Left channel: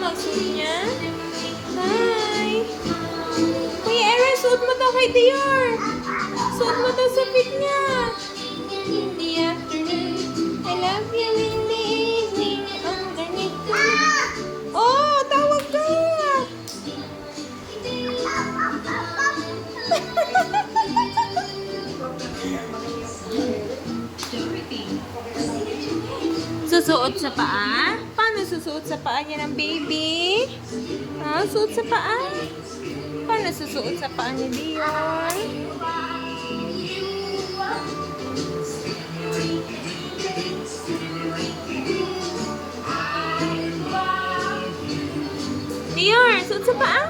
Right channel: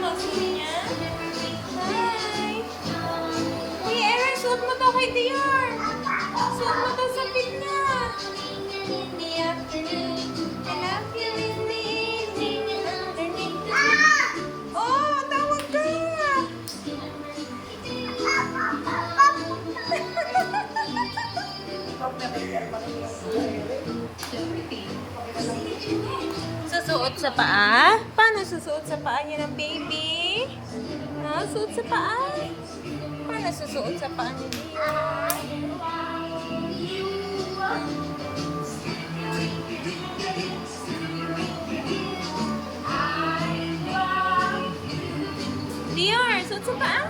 Magsuot niya. Hi! Kuya Aaron, suot mo to kay Dior. Suot mo to, supit niya. In the afternoon, I love you in the evening, underneath the moon. Oh, tawag ka! Susuot sa paa? Paano susuot sa paa niya ng baby? Ha? Suot sa paa? Paano susuot sa paa ni Dion? Dior, suot sa paa?